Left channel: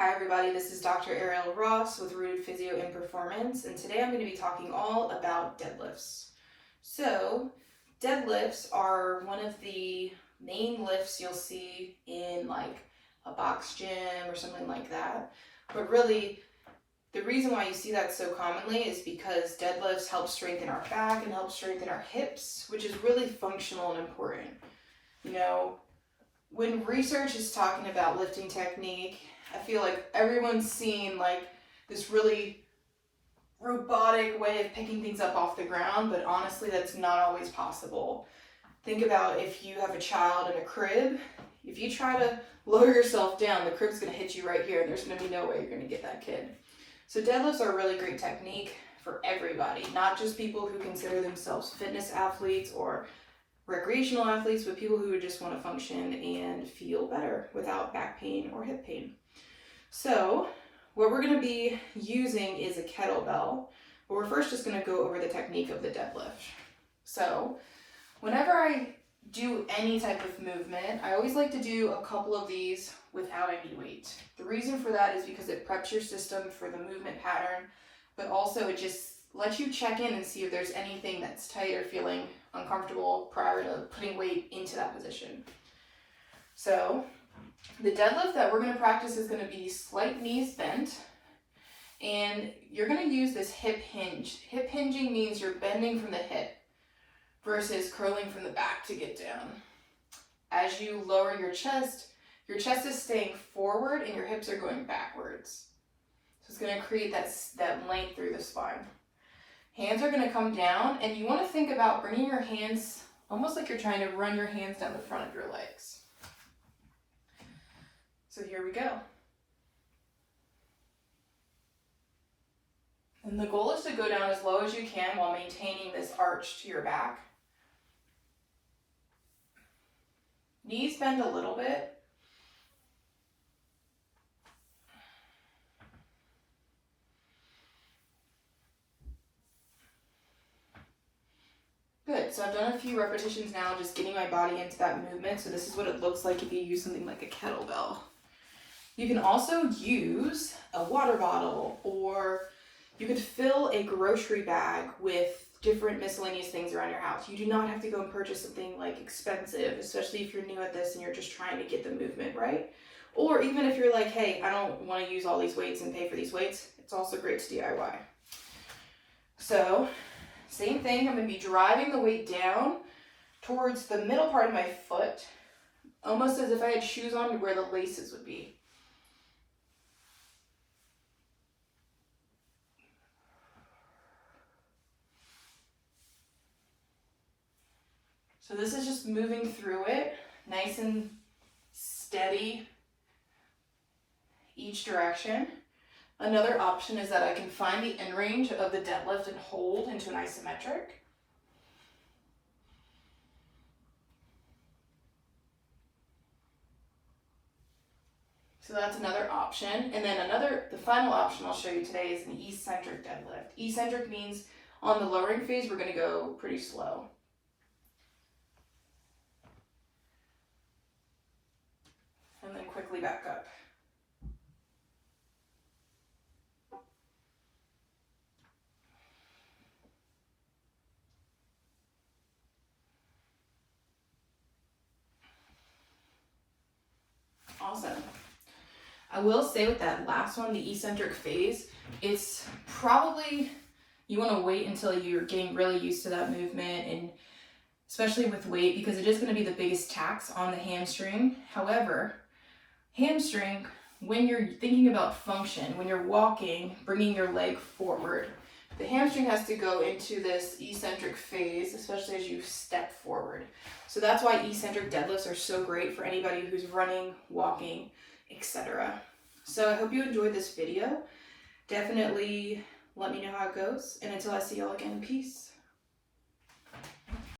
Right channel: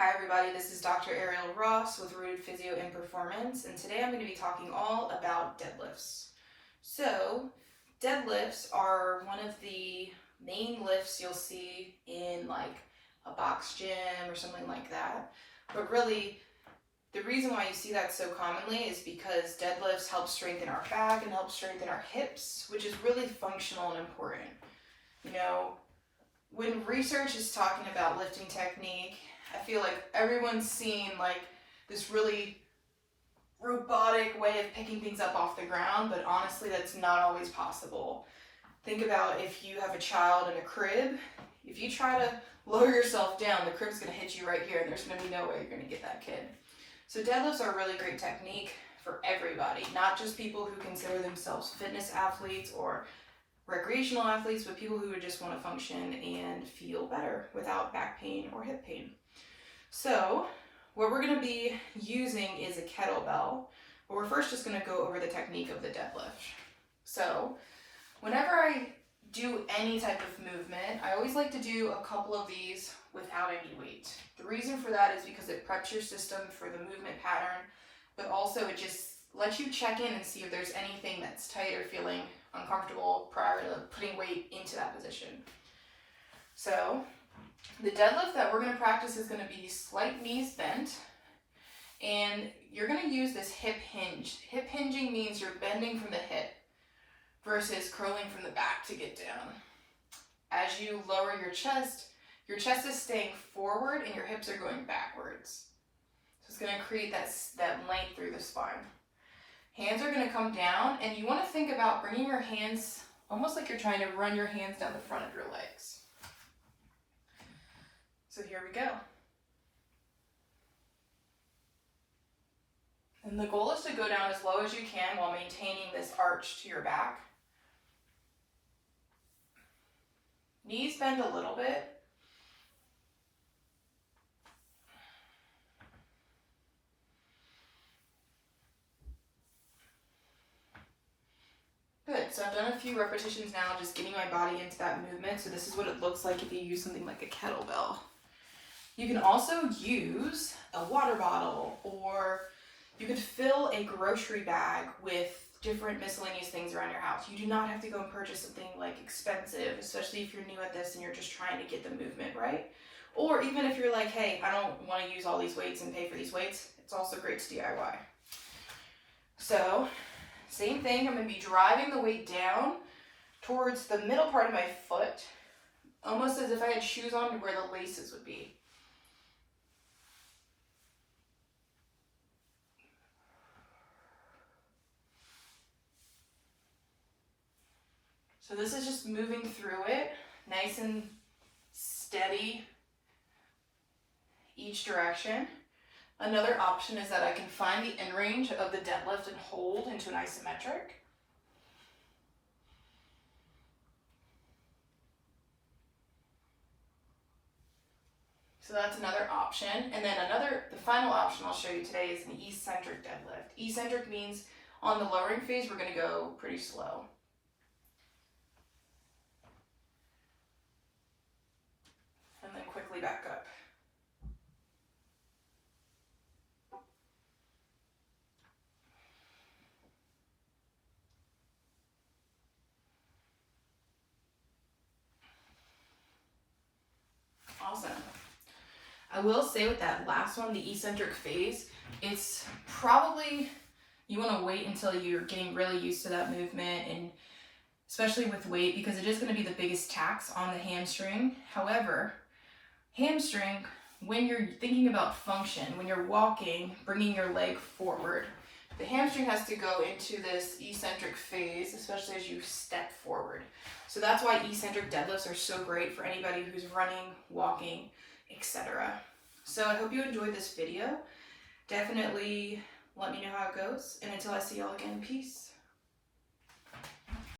Hi everybody, this is Dr. Ariel Ross with Rooted Physio and Performance, and today I'm going to be talking all about deadlifts. So, deadlifts are one of the main lifts you'll see in like a box gym or something like that. But really, the reason why you see that so commonly is because deadlifts help strengthen our back and help strengthen our hips, which is really functional and important. You know, when research is talking about lifting technique, I feel like everyone's seen like this really robotic way of picking things up off the ground, but honestly that's not always possible. Think about if you have a child in a crib. If you try to lower yourself down, the crib's going to hit you right here and there's going to be no way you're going to get that kid. So deadlifts are a really great technique for everybody, not just people who consider themselves fitness athletes or recreational athletes, but people who just want to function and feel better without back pain or hip pain. So what we're going to be using is a kettlebell, but we're first just going to go over the technique of the deadlift. So whenever I do any type of movement, I always like to do a couple of these without any weight. The reason for that is because it preps your system for the movement pattern, but also it just lets you check in and see if there's anything that's tight or feeling uncomfortable prior to putting weight into that position. So the deadlift that we're going to practice is going to be slight knees bent, and you're going to use this hip hinge. Hip hinging means you're bending from the hip versus curling from the back to get down. As you lower your chest is staying forward and your hips are going backwards. So it's going to create that length through the spine. Hands are going to come down, and you want to think about bringing your hands almost like you're trying to run your hands down the front of your legs. So here we go. And the goal is to go down as low as you can while maintaining this arch to your back. Knees bend a little bit. Good, so I've done a few repetitions now, just getting my body into that movement. So this is what it looks like if you use something like a kettlebell. You can also use a water bottle, or you could fill a grocery bag with different miscellaneous things around your house. You do not have to go and purchase something like expensive, especially if you're new at this and you're just trying to get the movement right. Or even if you're like, hey, I don't want to use all these weights and pay for these weights, it's also great to DIY. So same thing, I'm going to be driving the weight down towards the middle part of my foot, almost as if I had shoes on to where the laces would be. So this is just moving through it, nice and steady each direction. Another option is that I can find the end range of the deadlift and hold into an isometric. So that's another option. And then the final option I'll show you today is an eccentric deadlift. Eccentric means on the lowering phase, we're going to go pretty slow. And then quickly back up. Awesome. I will say with that last one, the eccentric phase, it's probably, you want to wait until you're getting really used to that movement, and especially with weight, because it is going to be the biggest tax on the hamstring. However, hamstring, when you're thinking about function, when you're walking, bringing your leg forward, the hamstring has to go into this eccentric phase, especially as you step forward. So that's why eccentric deadlifts are so great for anybody who's running, walking, etc. So I hope you enjoyed this video. Definitely let me know how it goes, and until I see y'all again, peace.